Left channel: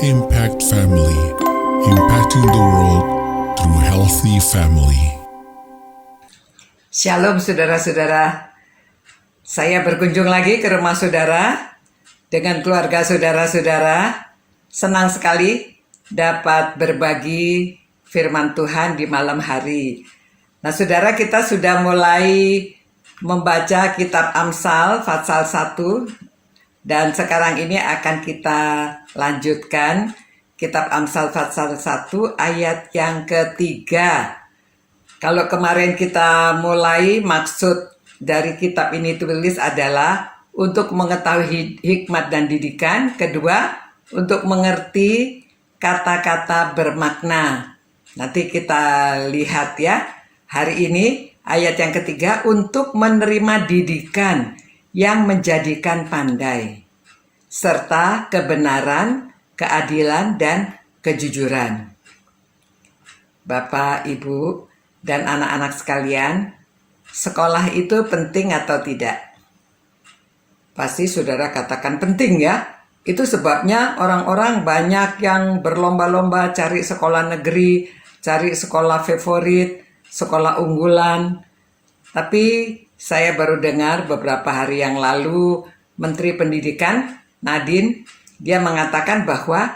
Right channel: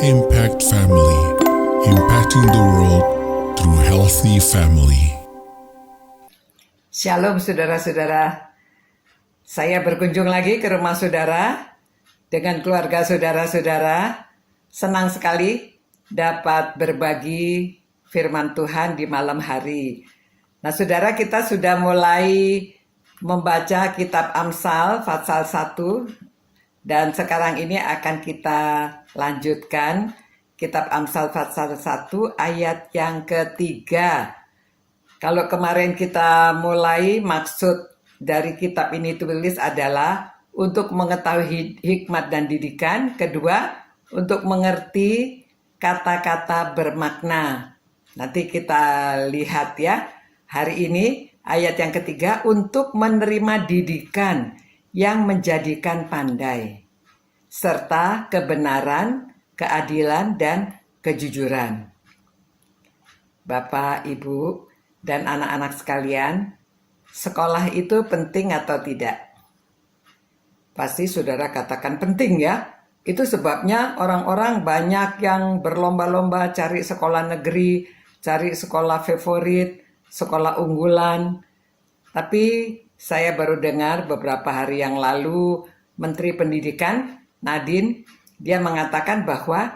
Impact Family, impacting the world through healthy family. Shalom saudara-saudara, saya berkunjung lagi ke rumah saudara dengan keluarga saudara-saudara. Senang sekali dapat berbagi firman Tuhan di malam hari. Nah saudara, kita sudah mulai membaca kitab Amsal pasal 1 dan sekarang ini akan kita lanjutkan kitab Amsal pasal 1 ayat yang ketiga. Kalau kemarin kita mulai, maksud dari kitab ini tulis adalah untuk mengetahui hikmat dan didikan. Kedua, untuk mengerti kata-kata bermakna. Nanti kita lihat ya. Hari ini ayat yang ketiga, untuk menerima didikan yang menjadikan pandai, serta kebenaran, keadilan, dan kejujuran. Bapak, Ibu, dan anak-anak sekalian, sekolah itu penting atau tidak? Pasti saudara katakan penting ya. Itu sebabnya orang-orang banyak yang berlomba-lomba cari sekolah negeri, cari sekolah favorit, sekolah unggulan. Tapi saya baru dengar beberapa hari yang lalu Menteri Pendidikan Nadine, dia mengatakan bahwa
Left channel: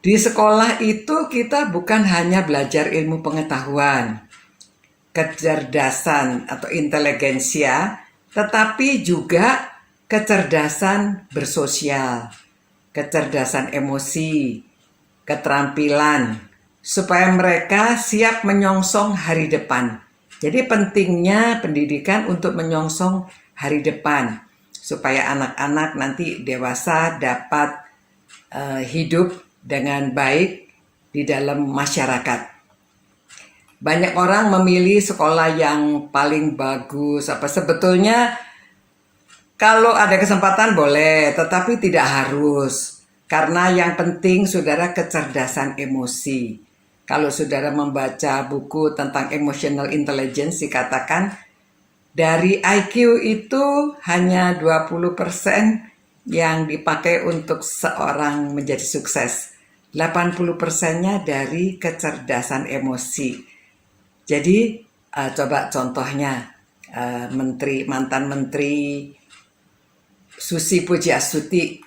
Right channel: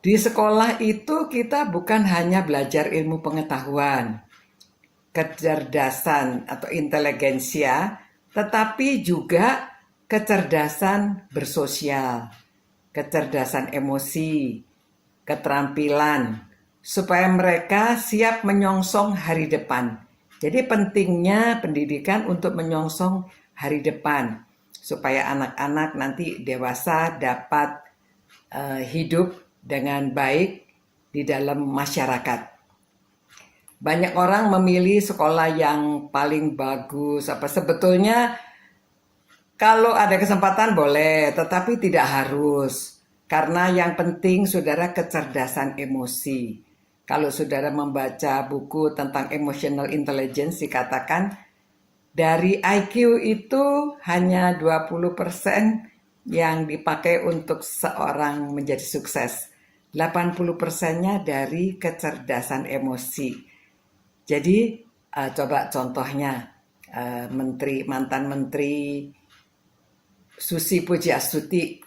di sekolah itu kita bukan hanya belajar ilmu pengetahuan, kecerdasan atau inteligensia, tetapi juga kecerdasan bersosial, kecerdasan emosi, keterampilan, supaya mereka siap menyongsong hari depan. Jadi pentingnya pendidikan untuk menyongsong hari depan, supaya anak-anak nanti dewasa dapat hidup dengan baik di dalam masyarakat. Banyak orang memilih sekolah yang paling bagus. Sebetulnya kalau ada kesempatan boleh, tetapi tidak harus. Karena yang penting saudara kecerdasan emosi. Kalau saudara membaca buku tentang emotional intelligence, dikatakan dari IQ itu hanya 20% yang dipakai untuk seorang menjadi sukses. 80%-nya dari kecerdasan emosi. Jadi coba contohnya mantan menteri Susi Pujiastuti,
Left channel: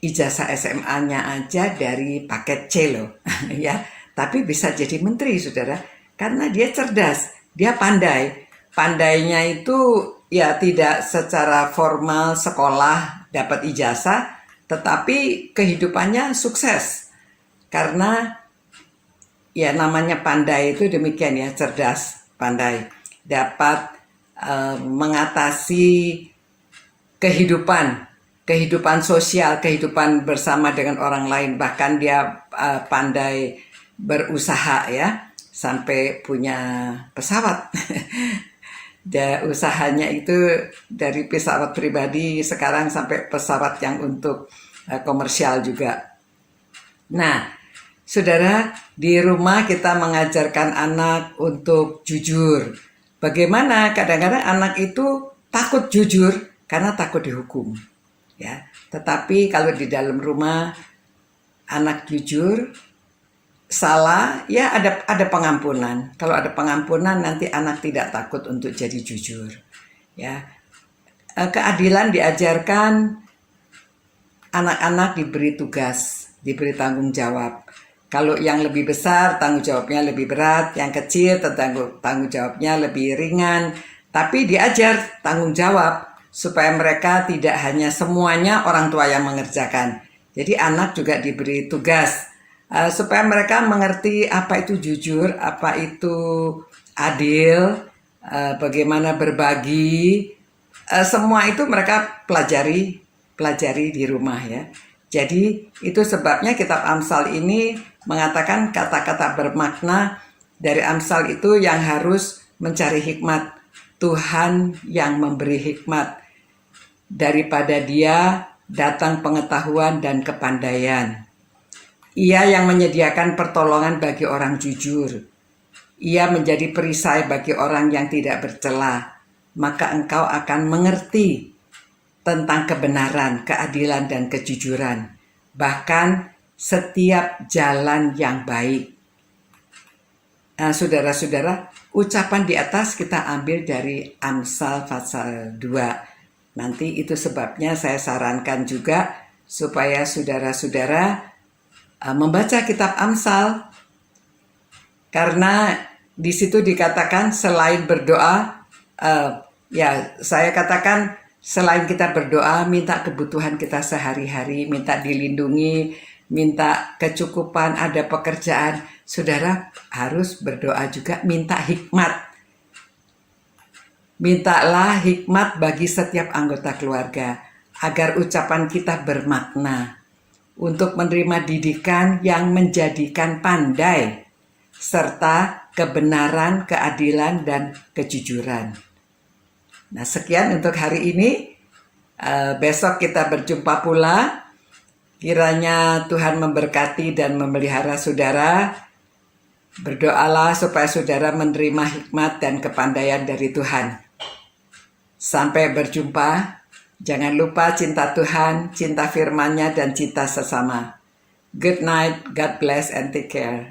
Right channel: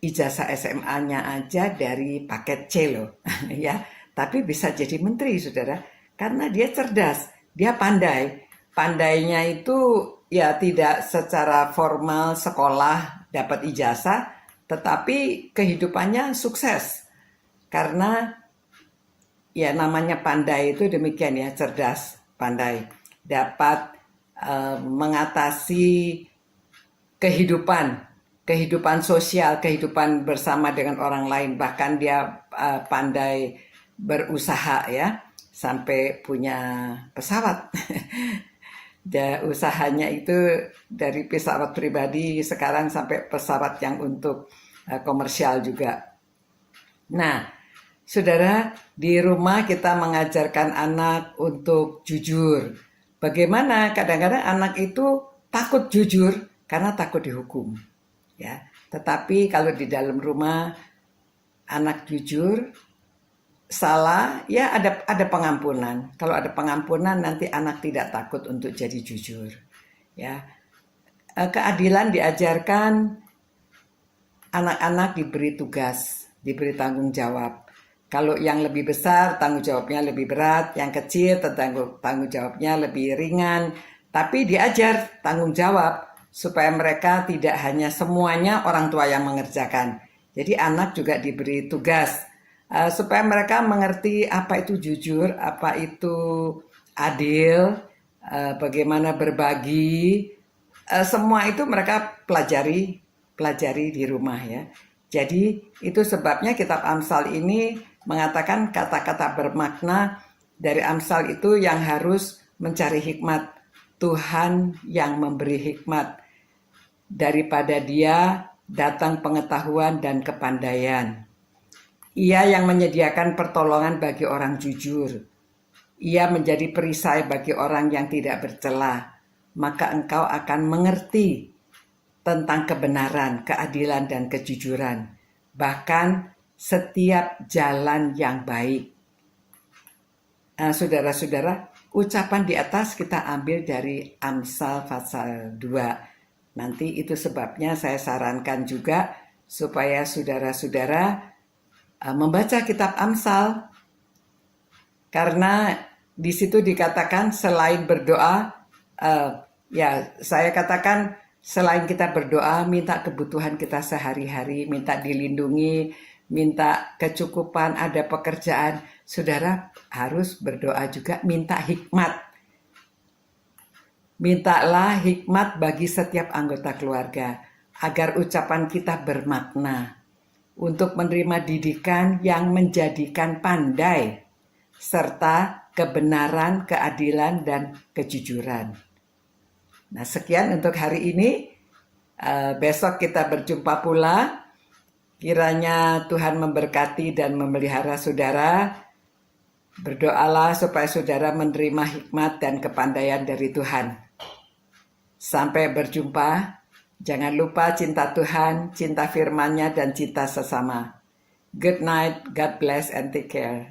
ijazah SMA-nya aja dari paket C loh, ya. Tapi bisa jadi menteri, saudara, karena dia cerdas, dia pandai. Pandainya itu ya tidak secara formal sekolah dapat ijazah, tetapi kehidupannya sukses. Karena ya namanya pandai itu demikian ya, cerdas, pandai. Dapat mengatasi kehidupan sosial, kehidupan bersama dengan orang lain. Bahkan dia pandai berusaha ya, sampai punya pesawat. Dan usahanya itu dari pesawat pribadi sekarang sampai pesawat yang untuk komersial juga. Nah, saudara, di rumah kita mengajarkan anak untuk jujur. Bagaimana kadang-kadang anak itu takut jujur karena takut dihukum. Ya, tetapi kalau di dalam rumah anak jujur, salah ya ada pengampunan. Kalau ada pengampunan nanti anak tidak takut untuk jadi jujur. Ya, keadilan diajarkan, anak-anak diberi tugas, diberi tanggung jawab. Kalau yang lebih besar tanggung jawabnya lebih berat, yang kecil tanggung jawabnya lebih ringan. Tapi diajar tanggung jawab supaya mereka tidak hanya semuanya orang tua yang mengerjakan. Jadi anak juga diberi tugas supaya mereka mengerti apa itu jujur, apa itu adil, bagaimana berbagi. Semua itu mereka pelajari di rumah ya. Jadi itu sebabnya kitab Amsal ini mengatakan kata-kata bermakna. Dari Amsal itu yang harus mencari hikmat. Tuhan yang memberi hikmat. Daripada dia datang pengetahuan dan kepandaian. Ia yang menyediakan pertolongan bagi orang jujur. Ia menjadi perisai bagi orang yang tidak bercela. Maka engkau akan mengerti tentang kebenaran, keadilan, dan kejujuran. Bahkan setiap jalan yang baik. Nah, saudara-saudara, ucapan di atas kita ambil dari Amsal pasal 2. Nanti itu sebabnya saya sarankan juga supaya saudara-saudara membaca kitab Amsal. Karena di situ dikatakan selain berdoa, saya katakan selain kita berdoa, minta kebutuhan kita sehari-hari, minta dilindungi, minta kecukupan, ada pekerjaan, saudara harus berdoa juga minta hikmat. Mintalah hikmat bagi setiap anggota keluarga, agar ucapan kita bermakna untuk menerima didikan yang menjadikan pandai, serta kebenaran, keadilan, dan kejujuran. Nah, sekian untuk hari ini. Besok kita berjumpa pula. Kiranya Tuhan memberkati dan memelihara saudara. Berdoalah supaya saudara menerima hikmat dan kepandaian dari Tuhan. Sampai berjumpa. Jangan lupa cinta Tuhan, cinta firman-Nya, dan cinta sesama. Good night, God bless, and take care.